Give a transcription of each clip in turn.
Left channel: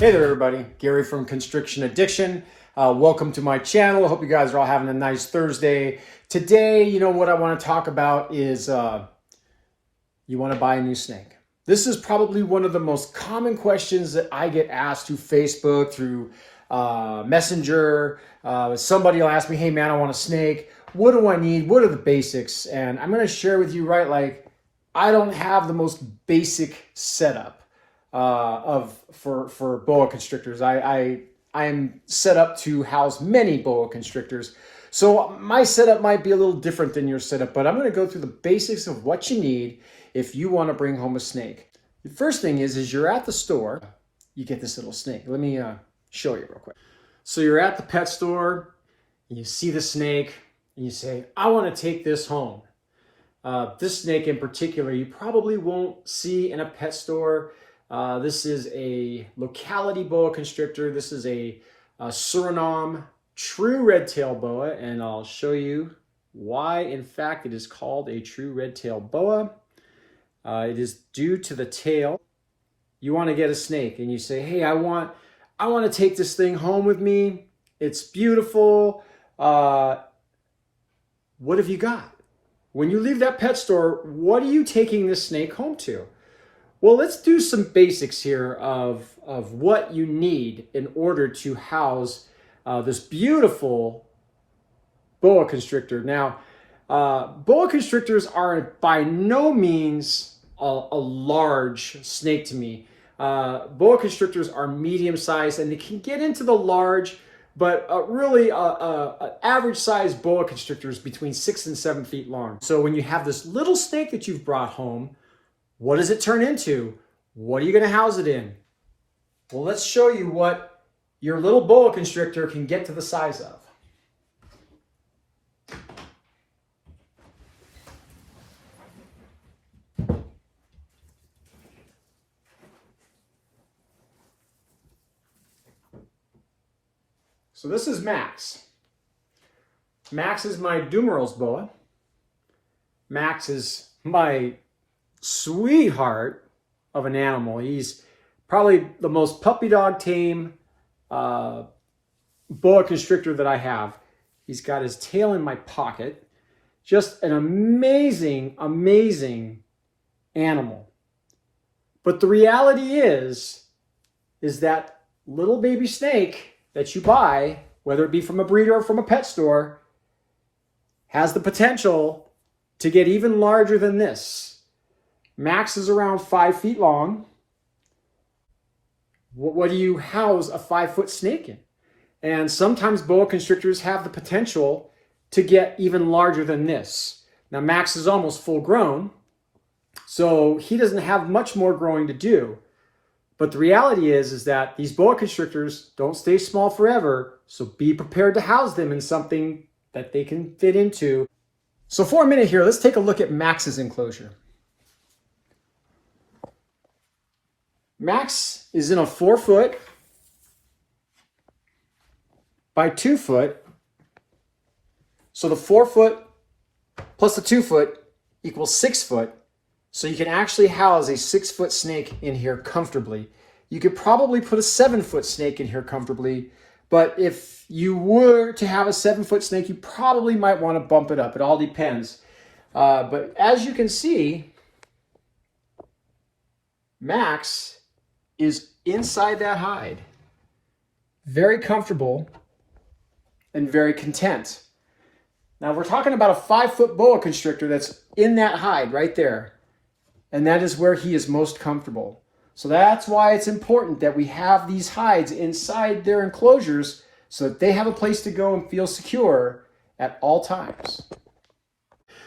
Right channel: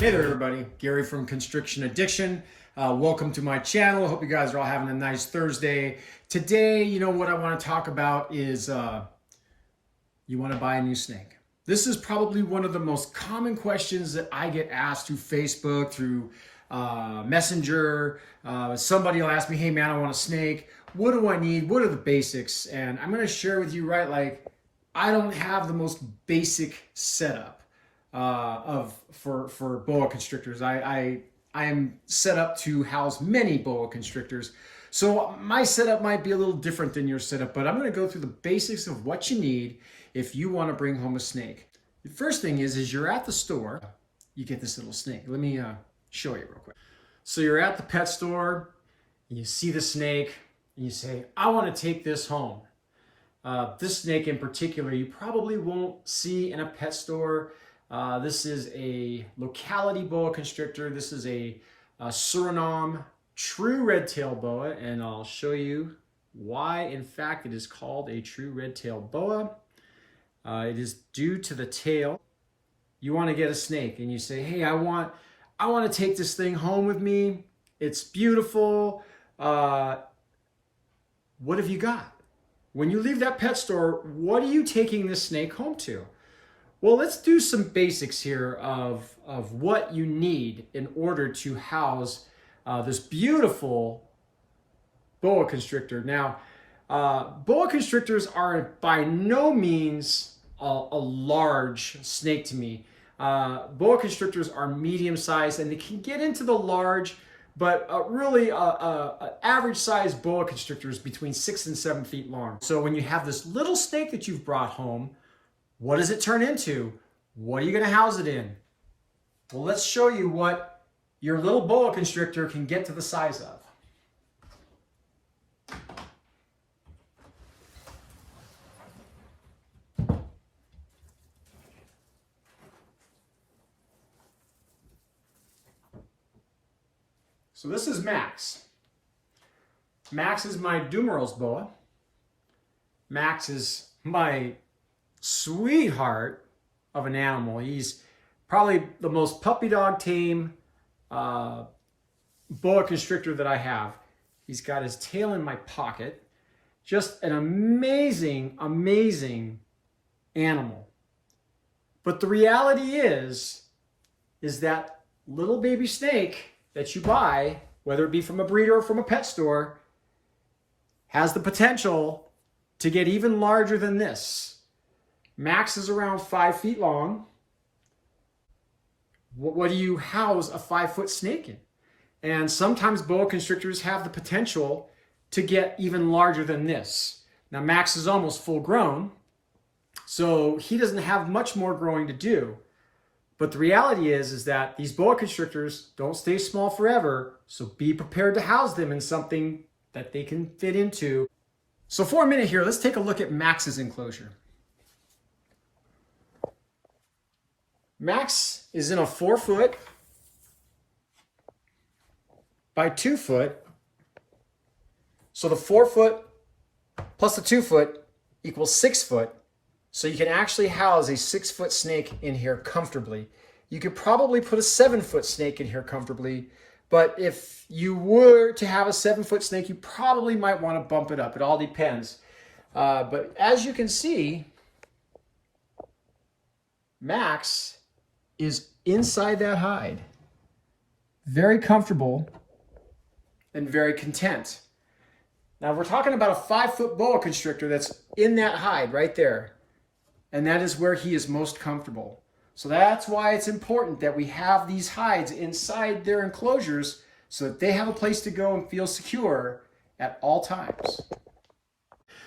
Hey there everybody, Gary from Constriction Addiction. Welcome to my channel. I hope you guys are all having a nice Thursday. Today, what I want to talk about is you want to buy a new snake. This is probably one of the most common questions that I get asked through Facebook, through Messenger. Somebody will ask me, hey man, I want a snake. What do I need? What are the basics? And I'm going to share with you, I don't have the most basic setup for boa constrictors. I am set up to house many boa constrictors. So my setup might be a little different than your setup, but I'm going to go through the basics of what you need if you want to bring home a snake. The first thing is you're at the store, you get this little snake. Let me show you real quick. So you're at the pet store and you see the snake and you say, I want to take this home. This snake in particular, you probably won't see in a pet store. This is a locality boa constrictor. This is a Suriname true red-tail boa, and I'll show you why, in fact, it is called a true red-tail boa. It is due to the tail. You want to get a snake, and you say, hey, I want to take this thing home with me. It's beautiful. What have you got? When you leave that pet store, what are you taking this snake home to? Well, let's do some basics here of what you need in order to house this beautiful boa constrictor. Now, boa constrictors are by no means a large snake to me. Boa constrictors are medium-sized and they can get into the large, but really an average-sized boa constrictor is between 6 and 7 feet long. So when you have this little snake that you've brought home, what does it turn into? What are you going to house it in? Well, let's show you what your little boa constrictor can get to the size of. So this is Max. Max is my Dumerals boa. Max is my sweetheart of an animal. He's probably the most puppy dog tame boa constrictor that I have. He's got his tail in my pocket. Just an amazing, amazing animal. But the reality is that little baby snake that you buy, whether it be from a breeder or from a pet store, has the potential to get even larger than this. Max is around 5 feet long. What do you house a 5-foot snake in? And sometimes boa constrictors have the potential to get even larger than this. Now, Max is almost full grown, so he doesn't have much more growing to do. But the reality is that these boa constrictors don't stay small forever, so be prepared to house them in something that they can fit into. So for a minute here, let's take a look at Max's enclosure. Max is in a 4-foot by 2-foot. So the 4-foot plus the 2-foot equals 6 foot. So you can actually house a 6-foot snake in here comfortably. You could probably put a 7-foot snake in here comfortably, but if you were to have a 7-foot snake, you probably might want to bump it up. It all depends. But as you can see, Max is inside that hide. Very comfortable and very content. Now we're talking about a 5-foot boa constrictor that's in that hide right there. And that is where he is most comfortable. So that's why it's important that we have these hides inside their enclosures so that they have a place to go and feel secure at all times.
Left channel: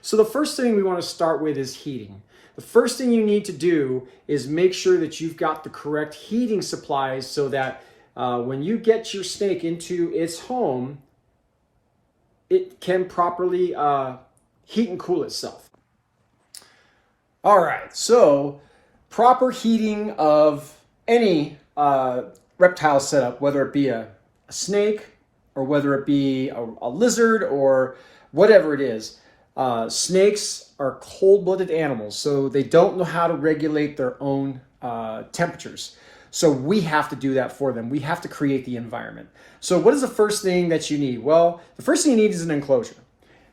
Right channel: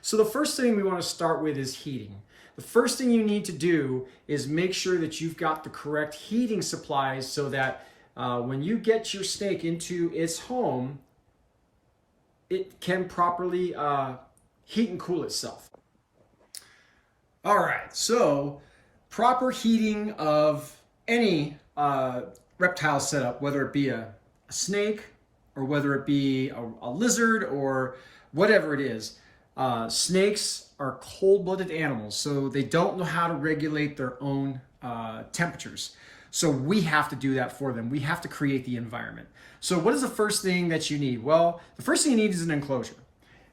So the first thing we want to start with is heating. The first thing you need to do is make sure that you've got the correct heating supplies so that when you get your snake into its home, it can properly heat and cool itself. All right, so proper heating of any reptile setup, whether it be a snake or whether it be a lizard or whatever it is. Snakes are cold-blooded animals, so they don't know how to regulate their own temperatures. So we have to do that for them. We have to create the environment. So what is the first thing that you need? Well, the first thing you need is an enclosure.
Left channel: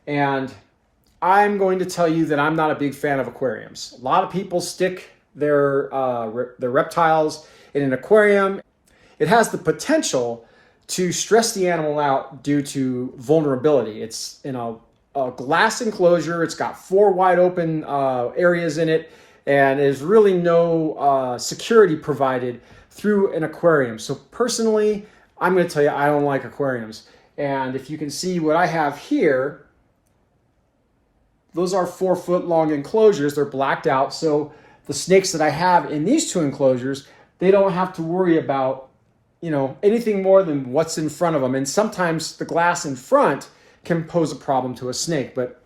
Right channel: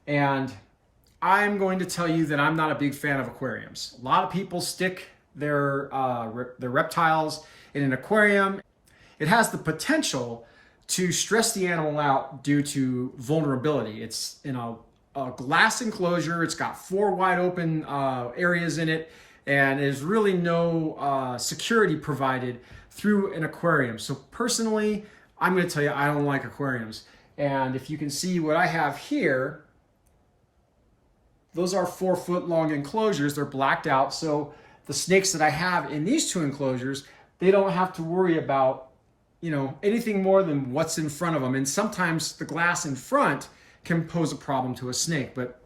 And I'm going to tell you that I'm not a big fan of aquariums. A lot of people stick their reptiles in an aquarium. It has the potential to stress the animal out due to vulnerability. It's in a glass enclosure. It's got 4 wide open areas in it, and there's really no security provided through an aquarium. So personally, I'm going to tell you I don't like aquariums. And if you can see what I have here, those are 4-foot long enclosures. They're blacked out. So the snakes that I have in these 2 enclosures, they don't have to worry about, you know, anything more than what's in front of them. And sometimes the glass in front can pose a problem to a snake, but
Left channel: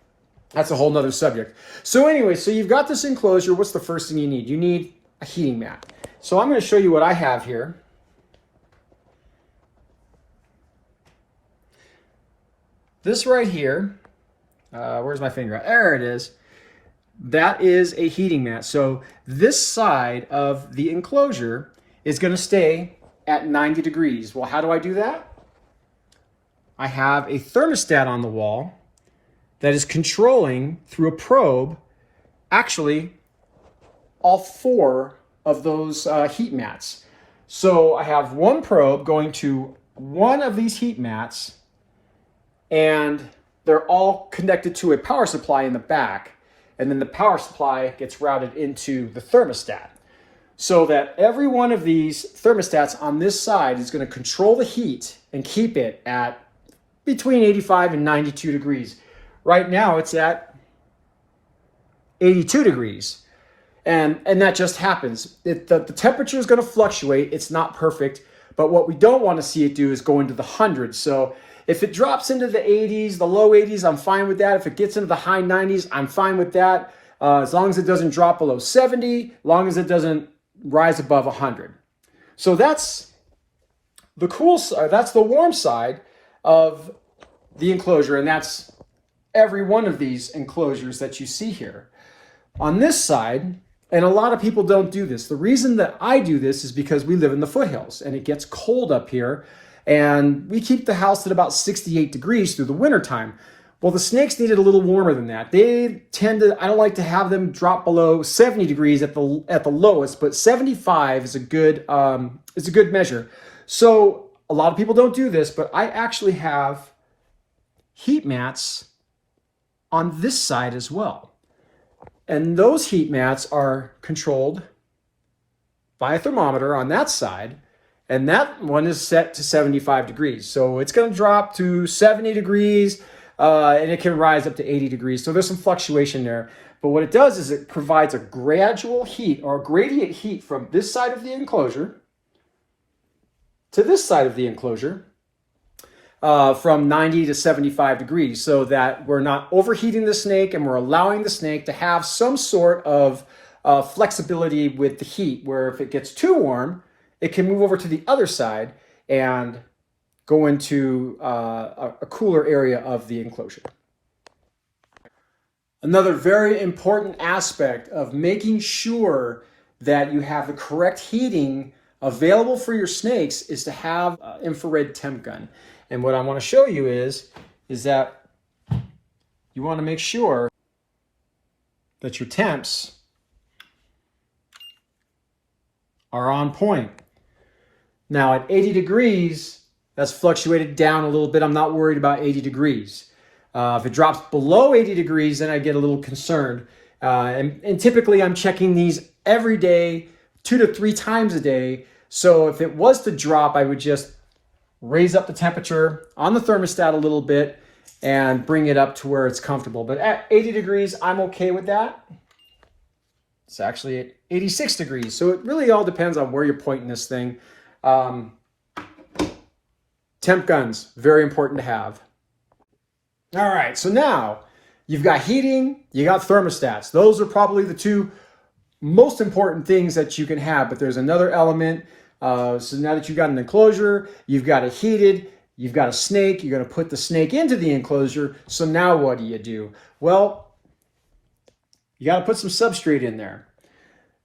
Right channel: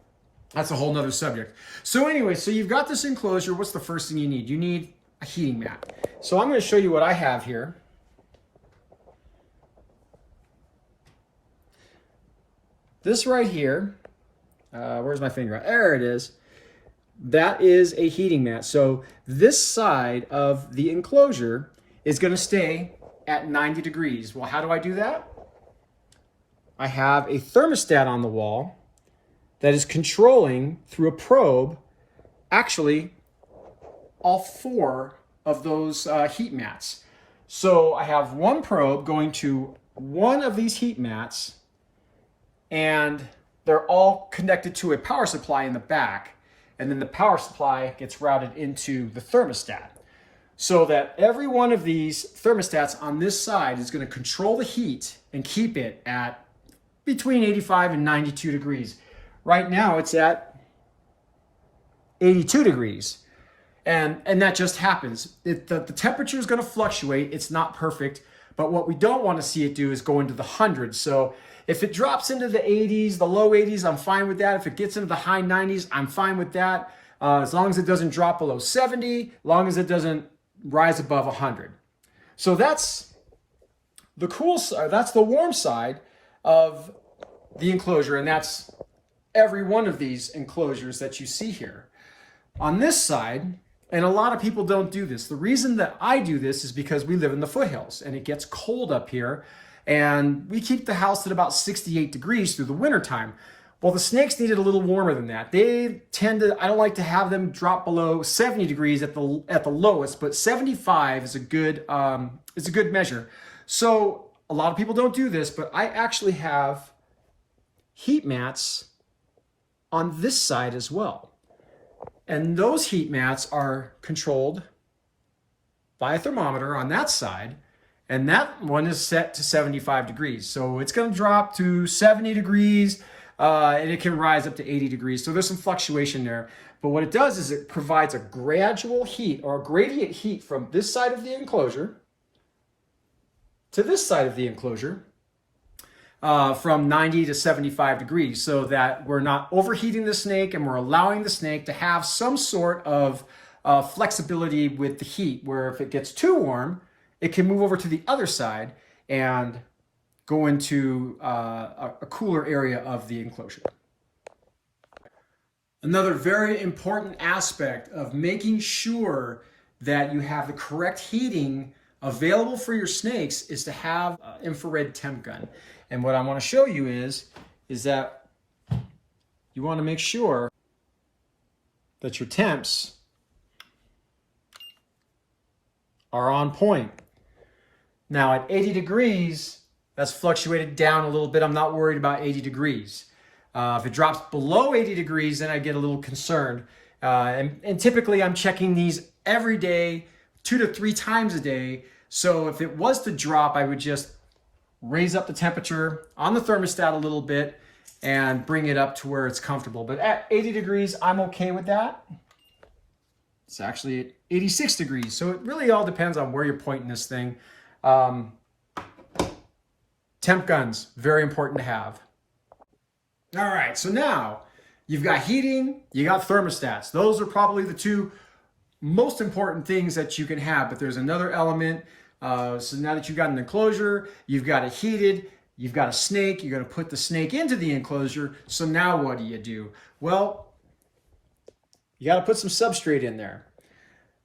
that's a whole nother subject. So anyway, so you've got this enclosure. What's the first thing you need? You need a heating mat. So I'm going to show you what I have here. This right here, where's my finger? There it is. That is a heating mat. So this side of the enclosure is going to stay at 90 degrees. Well, how do I do that? I have a thermostat on the wall that is controlling through a probe, actually, all 4 of those heat mats. So I have one probe going to one of these heat mats, and they're all connected to a power supply in the back, and then the power supply gets routed into the thermostat. So that every one of these thermostats on this side is going to control the heat and keep it at between 85 and 92 degrees. Right now it's at 82 degrees. And that just happens. The temperature is going to fluctuate. It's not perfect. But what we don't want to see it do is go into the hundreds. So if it drops into the 80s, the low 80s, I'm fine with that. If it gets into the high 90s, I'm fine with that. As long as it doesn't drop below 70, as long as it doesn't rise above 100. So that's the cool side, that's the warm side of the enclosure, and that's every one of these enclosures that you see here. On this side, and a lot of people don't do this, the reason that I do this is because we live in the foothills and it gets cold up here, and we keep the house at about 68 degrees through the winter time. Well, the snakes need it a little warmer than that. They tend to, I don't like to have them drop below 70 degrees at the lowest, but 75 is a good measure. So a lot of people don't do this, but I actually have heat mats on this side as well. And those heat mats are controlled by a thermometer on that side, and that one is set to 75 degrees. So it's going to drop to 70 degrees, and it can rise up to 80 degrees. So there's some fluctuation there. But what it does is it provides a gradual heat or gradient heat from this side of the enclosure to this side of the enclosure from 90 to 75 degrees, so that we're not overheating the snake and we're allowing the snake to have some sort of flexibility with the heat, where if it gets too warm, it can move over to the other side and go into a cooler area of the enclosure. Another very important aspect of making sure that you have the correct heating available for your snakes is to have an infrared temp gun. And what I want to show you is that you want to make sure that your temps are on point. Now at 80 degrees, that's fluctuated down a little bit. I'm not worried about 80 degrees. If it drops below 80 degrees, then I get a little concerned. And typically I'm checking these every day, 2 to 3 times a day. So if it was to drop, I would just raise up the temperature on the thermostat a little bit and bring it up to where it's comfortable. But at 80 degrees, I'm okay with that. It's actually at 86 degrees. So it really all depends on where you're pointing this thing. Temp guns, very important to have. All right, so now you've got heating, you got thermostats. Those are probably the 2 most important things that you can have, but there's another element. So now that you've got an enclosure, you've got it heated, you've got a snake, you're going to put the snake into the enclosure. So now what do? Well, you got to put some substrate in there.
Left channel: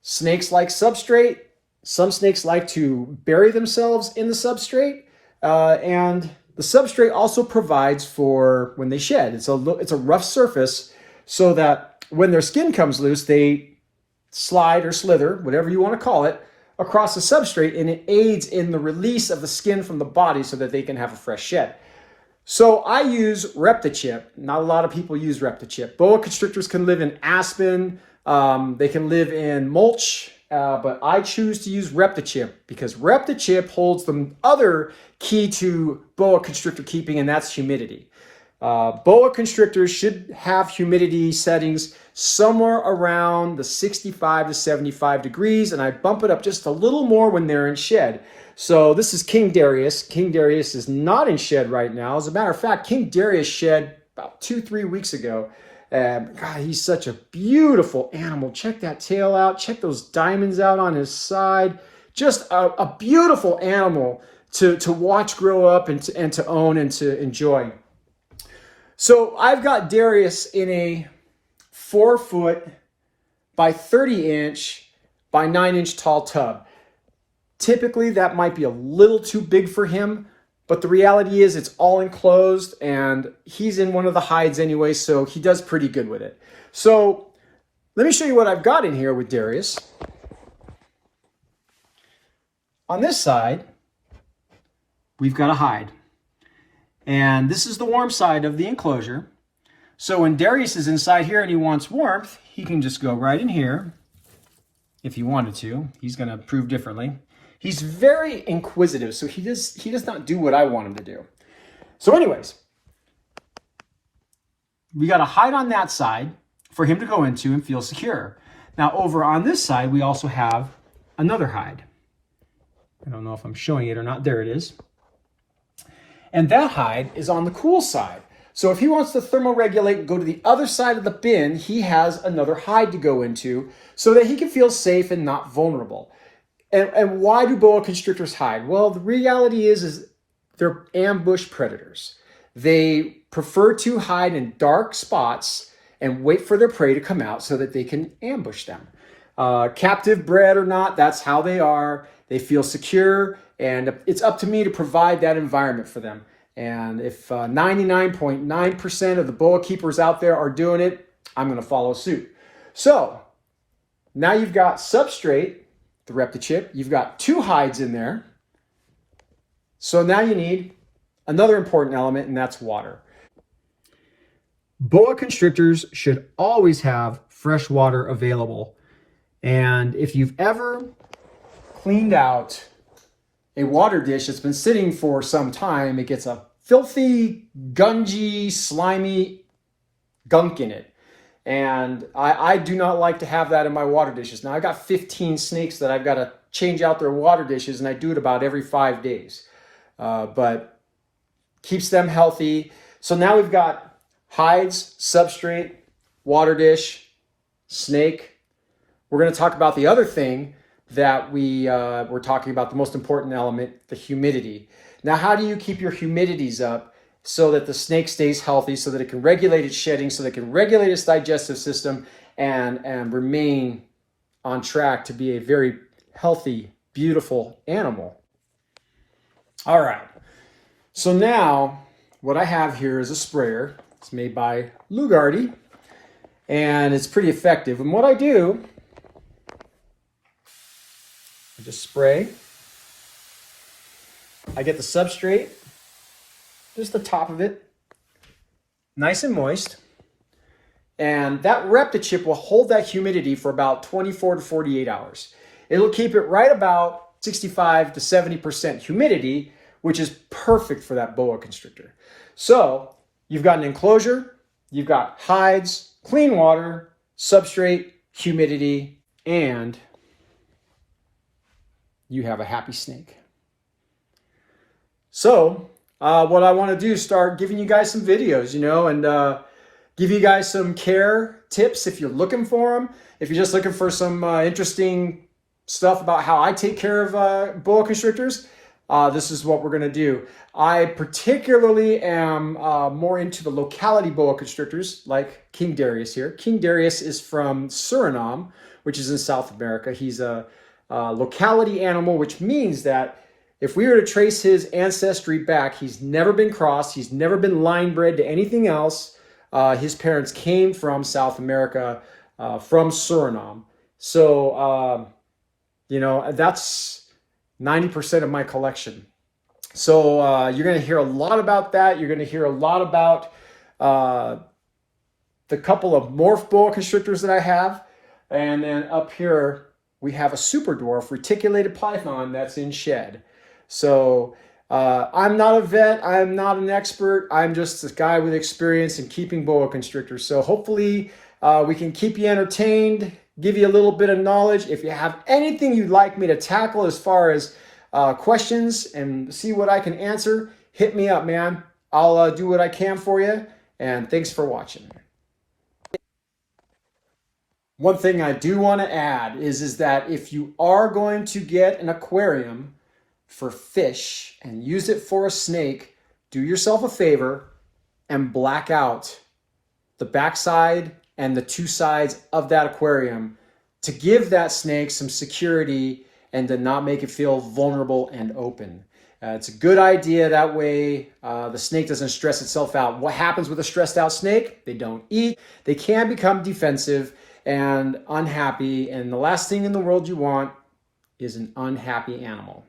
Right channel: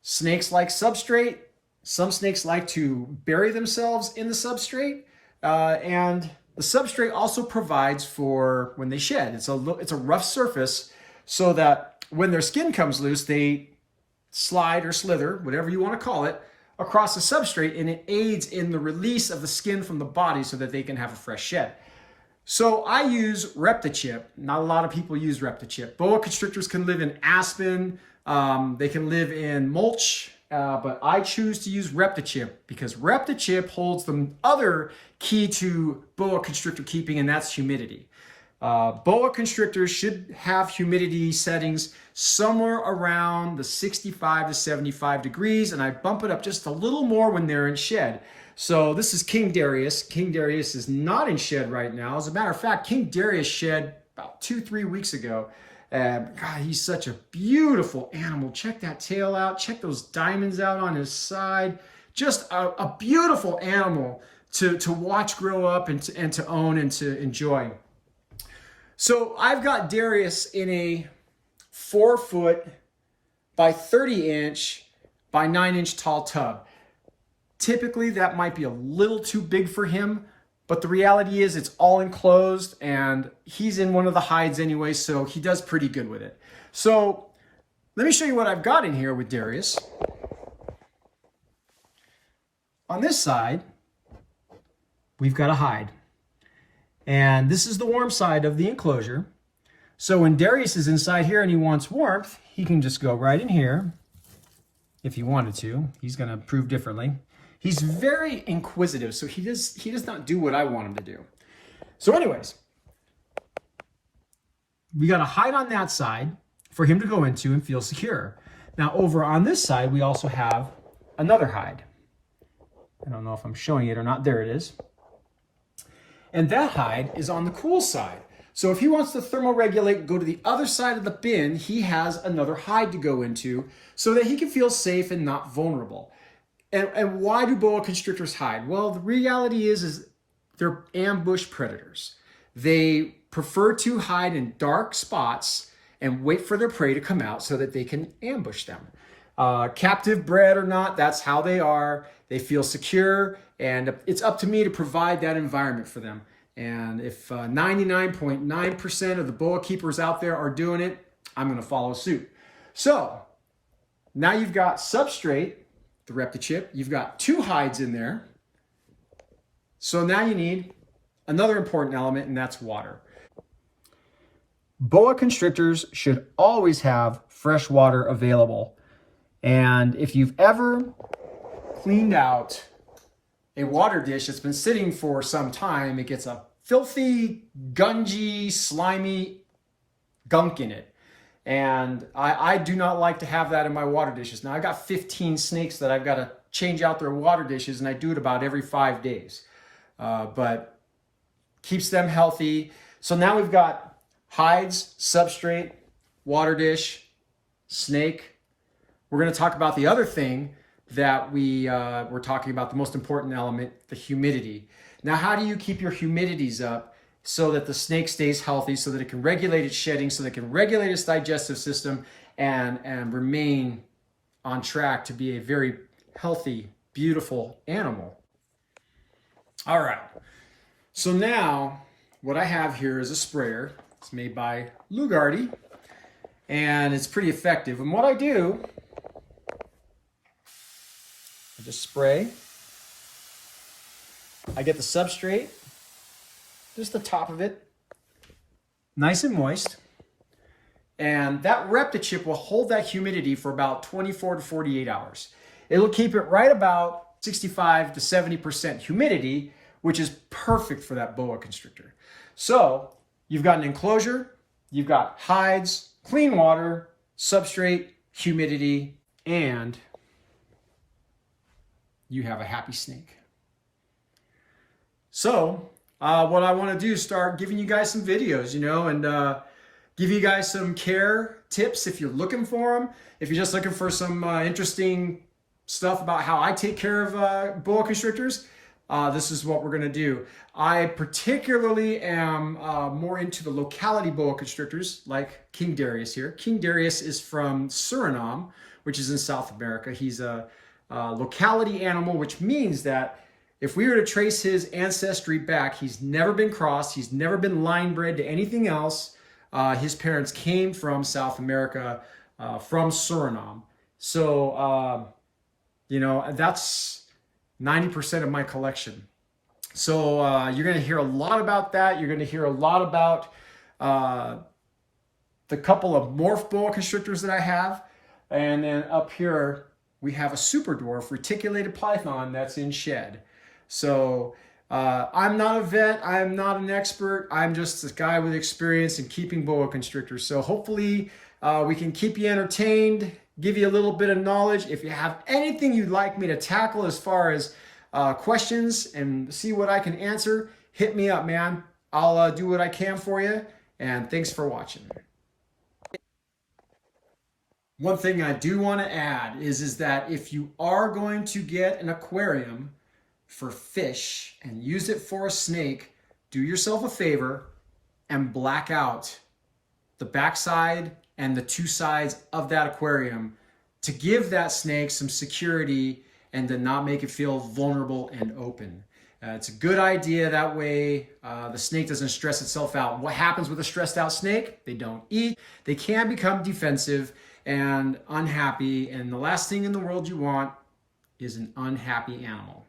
Snakes like substrate, Some snakes like to bury themselves in the substrate, and the substrate also provides for when they shed. It's a rough surface so that when their skin comes loose, they slide or slither, whatever you want to call it, across the substrate, and it aids in the release of the skin from the body so that they can have a fresh shed. So I use ReptiChip. Not a lot of people use ReptiChip. Boa constrictors can live in aspen. They can live in mulch, but I choose to use ReptiChip because ReptiChip holds the other key to boa constrictor keeping, and that's humidity. Boa constrictors should have humidity settings somewhere around the 65 to 75 degrees, and I bump it up just a little more when they're in shed. So this is King Darius. King Darius is not in shed right now. As a matter of fact, King Darius shed about 2-3 weeks ago. God, he's such a beautiful animal. Check that tail out. Check those diamonds out on his side. Just a beautiful animal to watch grow up and to own and to enjoy. So I've got Darius in a 4-foot by 30-inch by 9-inch tall tub. Typically, that might be a little too big for him, but the reality is it's all enclosed and he's in one of the hides anyway, so he does pretty good with it. So let me show you what I've got in here with Darius. On this side, we've got a hide. And this is the warm side of the enclosure. So when Darius is inside here and he wants warmth, he can just go right in here if he wanted to. He's going to prove differently. He's very inquisitive, so he does not do what I want him to do. So anyways, we got a hide on that side for him to go into and feel secure. Now over on this side, we also have another hide. I don't know if I'm showing it or not. There it is. And that hide is on the cool side. So if he wants to thermoregulate and go to the other side of the bin, he has another hide to go into so that he can feel safe and not vulnerable. And why do boa constrictors hide? Well, the reality is they're ambush predators. They prefer to hide in dark spots and wait for their prey to come out so that they can ambush them. Captive bred or not, that's how they are. They feel secure, and it's up to me to provide that environment for them. And if 99.9% of the boa keepers out there are doing it, I'm going to follow suit. So now you've got Substrate, the ReptiChip. You've got 2 hides in there. So now you need another important element, and that's water. Boa constrictors should always have fresh water available. And if you've ever cleaned out a water dish that's been sitting for some time, it gets a filthy, gungy, slimy gunk in it. And I do not like to have that in my water dishes. Now, I've got 15 snakes that I've got to change out their water dishes, and I do it about every 5 days. But keeps them healthy. So now we've got hides, substrate, water dish, snake. We're going to talk about the other thing that we're talking about, the most important element, the humidity. Now, how do you keep your humidities up so that the snake stays healthy, so that it can regulate its shedding, so that it can regulate its digestive system and remain on track to be a very healthy, beautiful animal? All right. So now what I have here is a sprayer. It's made by Lugardi, and it's pretty effective. And what I do, I just spray. I get the substrate, just the top of it, nice and moist. And that ReptiChip will hold that humidity for about 24 to 48 hours. It'll keep it right about 65 to 70% humidity, which is perfect for that boa constrictor. So you've got an enclosure, you've got hides, clean water, substrate, humidity, and you have a happy snake. So what I want to do is start giving you guys some videos, and give you guys some care tips if you're looking for them. If you're just looking for some interesting stuff about how I take care of boa constrictors, this is what we're going to do. I particularly am more into the locality boa constrictors, like King Darius here. King Darius is from Suriname, which is in South America. He's a locality animal, which means that if we were to trace his ancestry back, he's never been crossed, he's never been line bred to anything else. His parents came from South America, from Suriname. So, you know, that's 90% of my collection. So you're going to hear a lot about that. You're going to hear a lot about the couple of morph boa constrictors that I have. And then up here, we have a super dwarf reticulated python that's in shed. So I'm not a vet. I'm not an expert. I'm just a guy with experience in keeping boa constrictors. So hopefully we can keep you entertained, give you a little bit of knowledge. If you have anything you'd like me to tackle as far as questions and see what I can answer, hit me up, man. I'll do what I can for you. And thanks for watching. One thing I do want to add is that if you are going to get an aquarium for fish and use it for a snake, do yourself a favor and black out the backside and the two sides of that aquarium to give that snake some security and to not make it feel vulnerable and open. It's a good idea. That way the snake doesn't stress itself out. What happens with a stressed out snake? They don't eat. They can become defensive and unhappy. And the last thing in the world you want is an unhappy animal.